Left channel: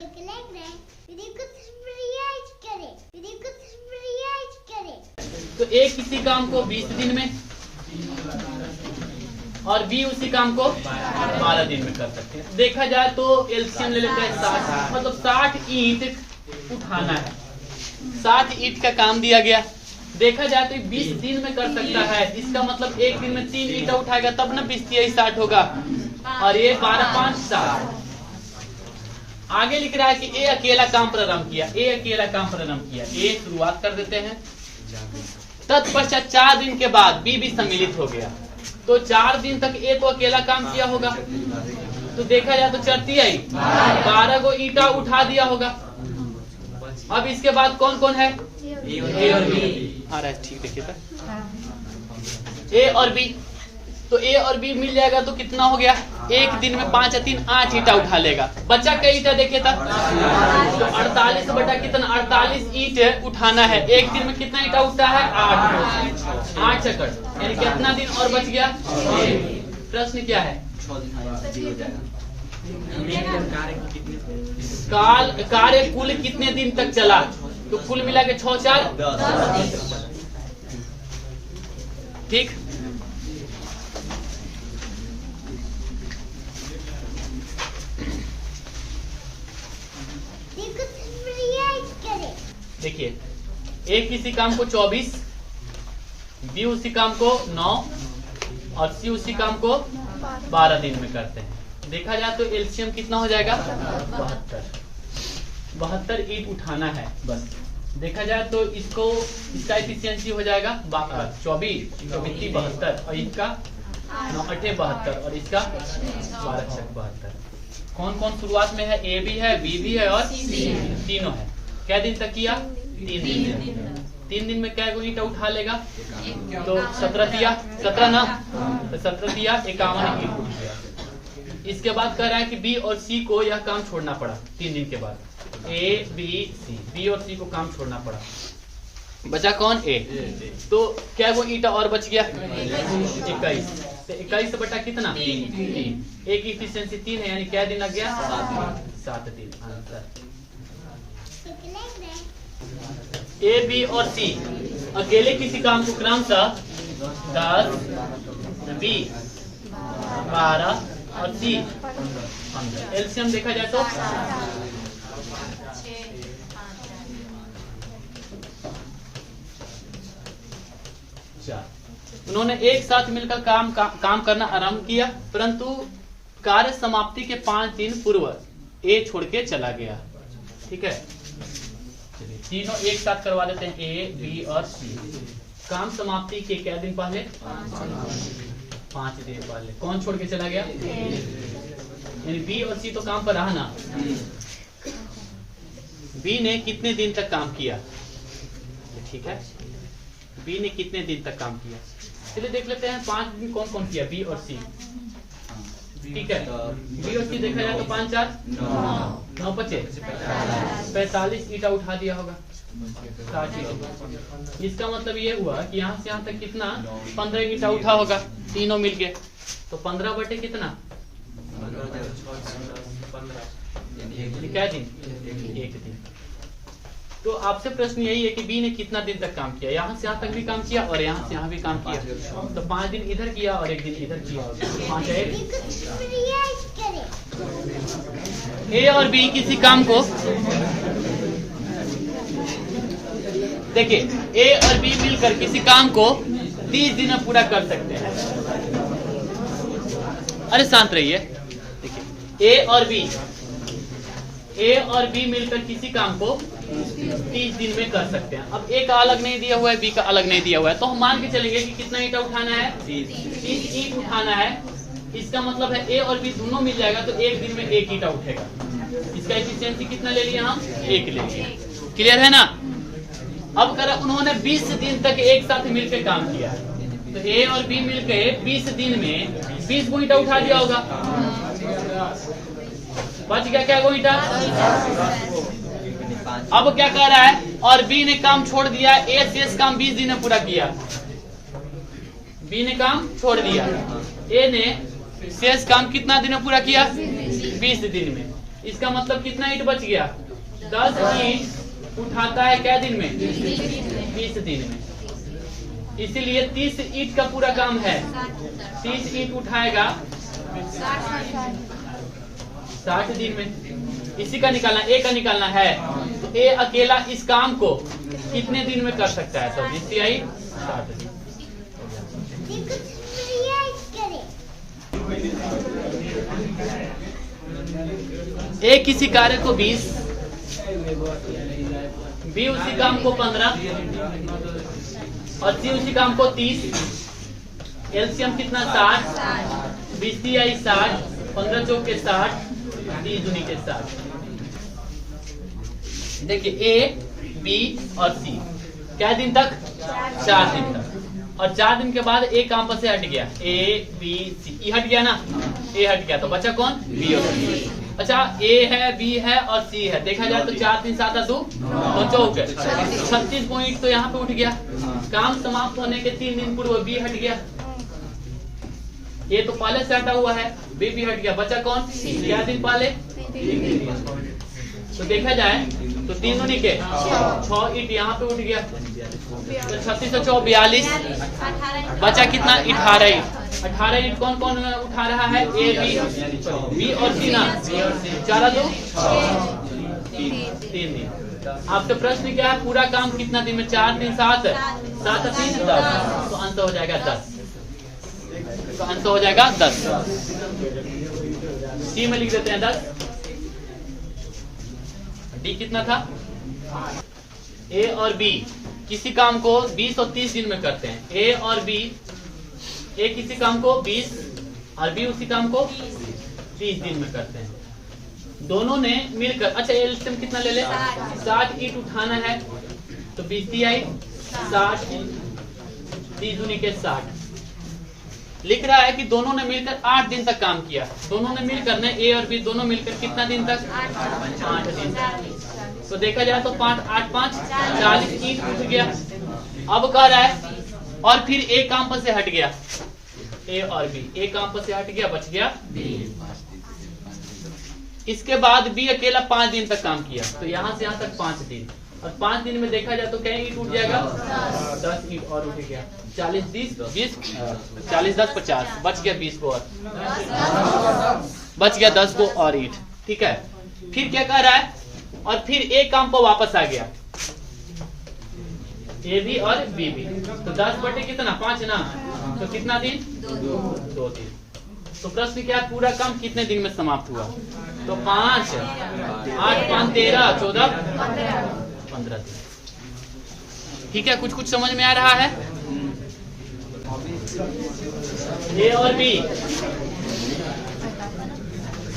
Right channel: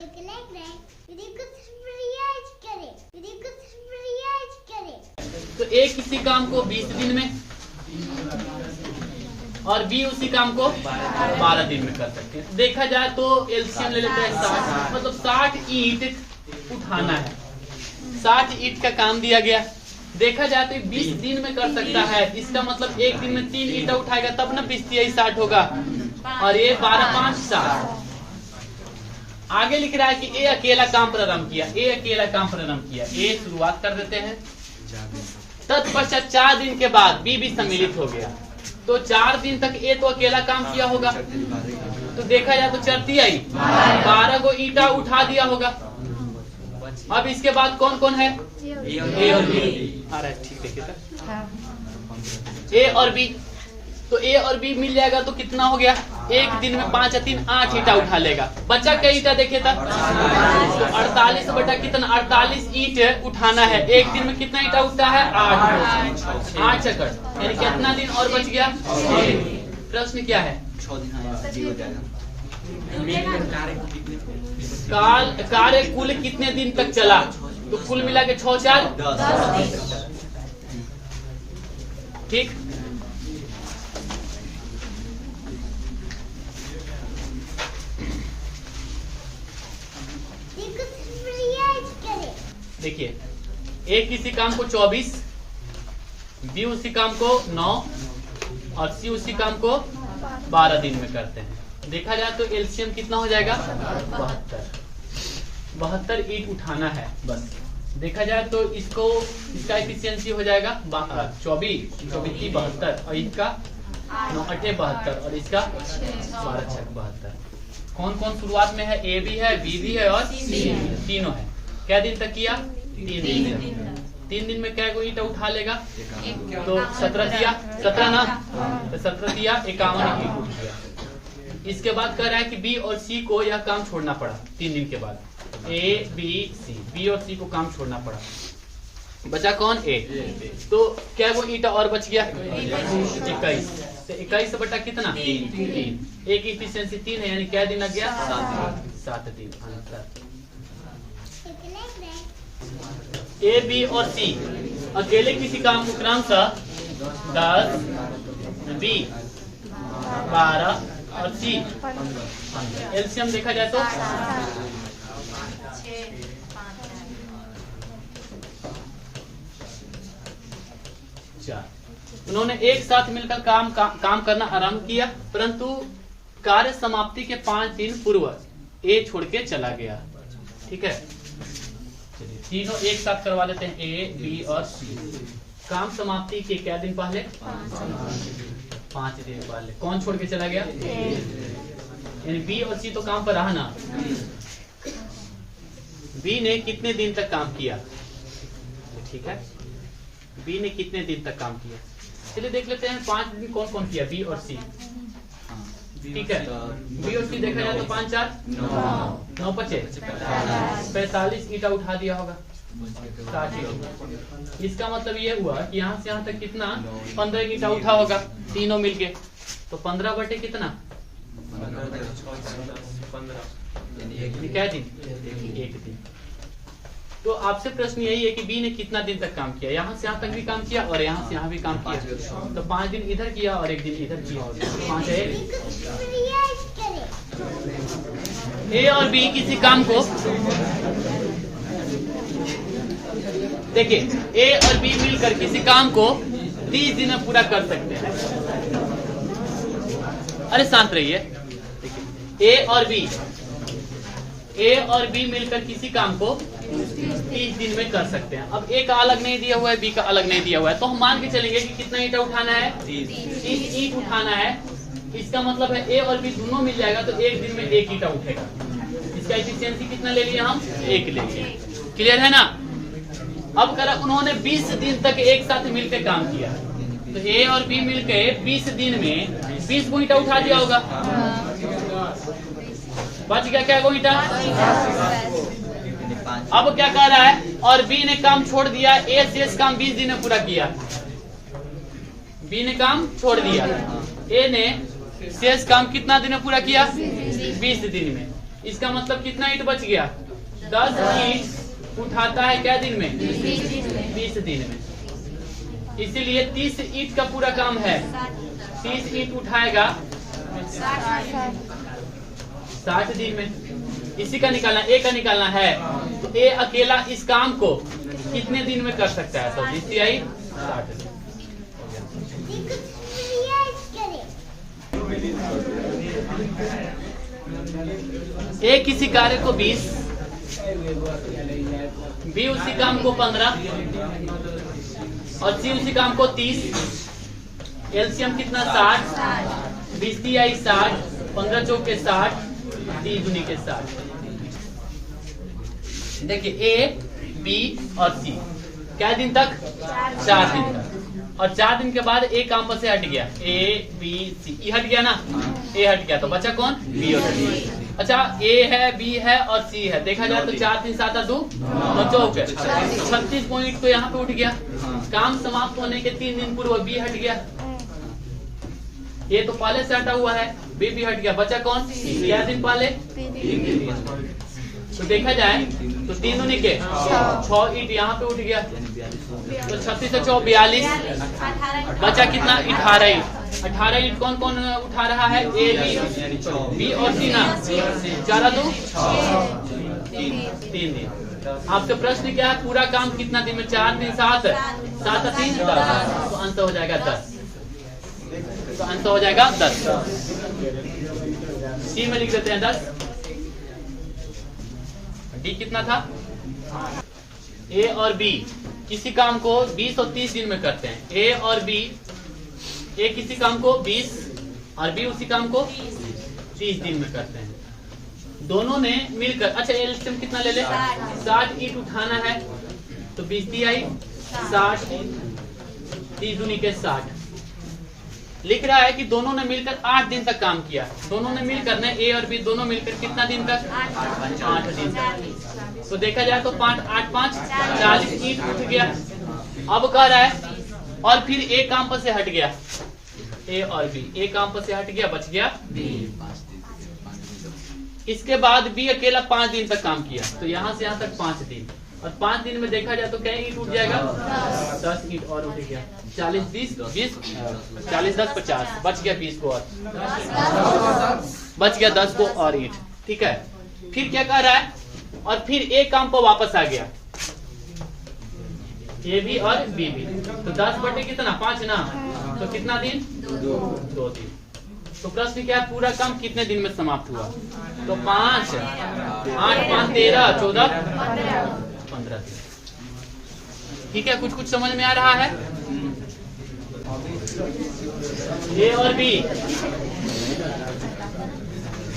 तो ए किसी काम को 20 दिन में और बी उसी काम को 12 दिन में कर सकते हैं। देखा जाए तो एलसीएम ले लेते हैं 60, मतलब 60 ईंट उठाना है। 60 ईंट का काम दिया गया, देखा जाए तो 20 दिन में कर सकता है। इसका मतलब एक दिन में 3 ईंटा उठाएगा तब ना 20 60 होगा, और ये 12 5 60। आगे लिख रहा है कि ए अकेला काम प्रारंभ किया। ए अकेला काम प्रारंभ किया, ए शुरुआत कर देते हैं। तत्पश्चात 4 दिन के बाद बी भी सम्मिलित हो गया, तो 4 दिन तक ए तो अकेला काम किया होगा। तो देखा जाए तो चरती आई 12 को ईंटा उठा दिया होगा। अब इसके बाद कौन कौन है? ए और बी। आ रहा है, ठीक देखिए सर, ए और बी। तो ए और बी मिल जाएगा तो कितना हो गया? एक दिन में 5 या 3 8 ईंटा उठा लेगा। बच्चा क्या ईंटा देखिए था? तो 48 बटा कितना? 48 ईंट उठाना है। एक दिन में कितना ईंटा उठता है? 8 सेकंड, यानी कितना दिन और बच गया? प्रश्न क्या है? कार्य कुल कितने दिन तक चला? तो कुल मिला के 6 4 10। ठीक, देखिए ए किसी काम को 24, बी उसी काम को 9 और सी उसी काम को 12 दिन में करते हैं। देखा जाए तो एलसीएम कितना हो जाएगा? 72 ईंट उठाना है बस। देखा जाए तो इसका एफिशिएंसी हो जाएगा 24 24 72, और इसका 9 8 72, और इसका 12 6 72। कौन कौन शुरुआत में है? ए भी है, बी भी है और सी तीनों है। क्या दिन तक किया? 3 दिन। 3 दिन में क्या ईंटा उठा लेगा? तो 17 दिया, 17 ना, तो 17 दिया 51 ईंट उठ गया। इसके बाद कह रहा है कि बी और सी को यह काम छोड़ना पड़ा 3 दिन के बाद। ए बी सी, बी और सी को काम छोड़ना पड़ा। बचा कौन? ए। तो क्या वो ईंटा और बच गया? 21। तो 21 बटा कितना? 3। एक इफिशिएंसी 3 है, यानी क्या दिन लग गया? 7 दिन अंतर। ए बी और सी अकेले किसी काम को क्रमशः 10 20 12 और सी 15। एलसीएम देखा जाए तो 4। उन्होंने एक साथ मिलकर काम करना आरंभ किया, परंतु कार्य समाप्ति के 5 दिन पूर्व ए छोड़ के चला गया। ठीक है, तीनों एक साथ करवा देते हैं, ए बी और सी। काम समाप्ति के क्या दिन पहले? 5 दिन पहले। कौन छोड़ के चला गया? यानी बी और सी तो काम पर रहा ना। बी ने कितने दिन तक काम किया? ठीक है, बी ने कितने दिन तक काम किया? चलिए देख लेते हैं 5 दिन कौन कौन किया, बी और सी। ठीक है, बी और सी देखा जाए तो 5 4 9 5 45 ईंटा उठा दिया होगा। 60। इसका मतलब ये हुआ कि यहाँ से यहाँ तक कितना? 15 ईंटा उठा होगा तीनों मिलके। तो 15 बटे कितना? क्या दिन? 1 दिन। तो आपसे प्रश्न यही है कि बी ने कितना दिन तक काम किया? यहाँ से यहाँ तक भी काम किया और यहाँ से यहाँ भी काम किया। तो 5 दिन इधर किया और 1 दिन इधर किया। 5 है। ए और बी किसी काम को, देखिए ए और बी मिलकर किसी काम को 30 दिन में पूरा कर सकते हैं। अरे शांत रहिए। ए और बी मिलकर किसी काम को 30 दिन में कर सकते हैं। अब ए का अलग नहीं दिया हुआ है, बी का अलग नहीं दिया हुआ है, तो हम मान के चलेंगे कि कितना ईंटा उठाना है? 30 ईंट उठाना है। इसका मतलब है ए और बी दोनों मिल जाएगा तो 1 दिन में 1 ईंटा उठेगा। इसका एफिशिएंसी कितना ले लिया हम? 1 ले लिया। क्लियर है ना? अब करा उन्होंने 20 दिन तक एक साथ मिलकर काम किया, तो ए और बी मिलकर 20 दिन में 20 ईंटा उठा दिया होगा। बच गया क्या ईंटा? अब क्या कह रहा है? और बी ने काम छोड़ दिया, ए शेष काम 20 दिन में पूरा किया। बी ने काम छोड़ दिया, ए ने शेष काम कितना दिन में पूरा किया? 20 दिन में। इसका मतलब कितना ईंट बच गया? 10 ईंट उठाता है क्या दिन में? 20 दिन में। इसीलिए 30 ईंट का पूरा काम है। 30 ईंट उठाएगा 60 दिन में। इसी का निकालना, ए का निकालना है। तो ए अकेला इस काम को कितने दिन में कर सकता है? तो जिसकी आई 60 दिन। ए किसी कार्य को 20, बी उसी काम को 15 और सी उसी काम को 30। एलसीएम कितना? 60। 20 ती आई 60, 15 चौके 60, 30 दूनी के 60। देखिए ए, बी और सी क्या दिन तक? 4 दिन तक। और 4 दिन के बाद ए काम पर से हट गया। ए बी सी, ई हट गया ना? ए हट गया तो बचा कौन? बी और सी। अच्छा, ए है, बी है और सी है। देखा जाए तो 4 3 7 2 चौके 36 पॉइंट तो यहाँ पे उठ गया। काम समाप्त होने के 3 दिन पूर्व बी हट गया। ए तो पहले से हटा हुआ है, बी भी हट गया, बचा कौन? सी। क्या दिन पहले? तो देखा जाए तो 3 निके 6 ईंट यहाँ पे उठ गया। तो 36 से 4 42, बचा कितना? 18 ईंट। 18 ईंट कौन कौन उठा रहा है? ए बी और सी ना? 4 2 3 दिन। आपसे प्रश्न क्या है? पूरा काम कितना दिन में? 4 दिन 7 7 3 10। तो अंत हो जाएगा 10। तो अंत हो जाएगा 10। सी में लिख देते हैं 10। डी कितना था? ए और बी किसी काम को 20 और 30 दिन में करते हैं। ए और बी, ए किसी काम को 20 और बी उसी काम को 30 दिन में करते हैं। दोनों ने मिलकर, अच्छा एलसीएम कितना ले ले? 60 ईंट उठाना है। तो 20 ती आई 60, 30 दूनी के 60। लिख रहा है कि दोनों ने मिलकर 8 दिन तक काम किया। दोनों ने मिलकर ने, ए और बी दोनों मिलकर कितना दिन तक? 8 दिन तक। तो देखा जाए तो 5 8 5 40 ईंट उठ गया। अब कह रहा है और फिर ए काम पर से हट गया। ए और बी, ए काम पर से हट गया, बच गया बी। इसके बाद बी अकेला 5 दिन तक काम किया। तो यहाँ से यहाँ तक 5 दिन। और 5 दिन में देखा जाए तो क्या ईंट उठ जाएगा? 10 ईंट और उठ गया। 40 20 20 40 10 50, बच गया 20 को और बच गया 10 को और ईंट। ठीक है, फिर क्या कर रहा है? और फिर ए काम पर वापस आ गया, ए बी और बी भी। तो 10 बटे कितना? 5 ना? तो कितना दिन? 2 दिन। तो प्रश्न क्या है? पूरा काम कितने दिन में समाप्त हुआ? तो 5 8 5 13 14 15 दिन। ठीक है, कुछ कुछ समझ में आ रहा है? ए और बी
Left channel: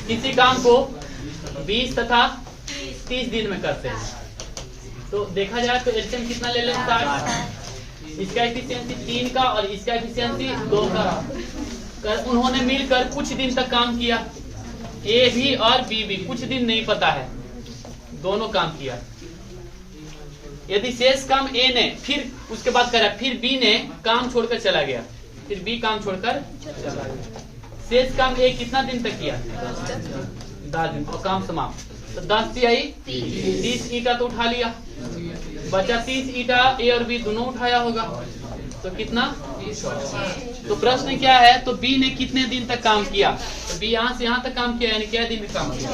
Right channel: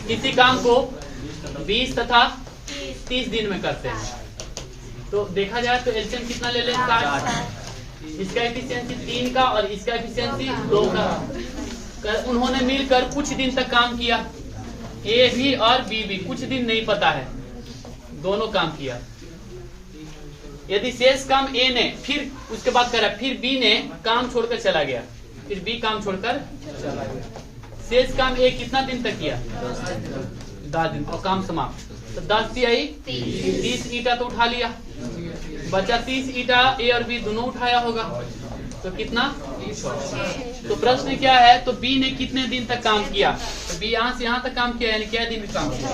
किसी काम को 20 तथा 30 दिन में करते हैं। तो देखा जाए तो एलसीएम कितना ले लें? 60। इसका एफिशिएंसी 3 का और इसका एफिशिएंसी 2 का। उन्होंने मिलकर कुछ दिन तक काम किया। ए भी और बी भी, कुछ दिन नहीं पता है, दोनों काम किया। यदि शेष काम ए ने, फिर उसके बाद करा, फिर बी ने काम छोड़कर चला गया, फिर बी काम छोड़कर चला गया। शेष काम ए कितना दिन तक किया? 10 दिन और काम समाप्त। तो 10 ती आई 30 ईंटा तो उठा लिया, बचा 30 ईंटा ए और बी दोनों उठाया होगा। तो कितना? 30। तो प्रश्न क्या है? तो बी ने कितने दिन तक काम किया? तो बी यहाँ से यहाँ तक काम किया, यानी क्या दिन में काम किया?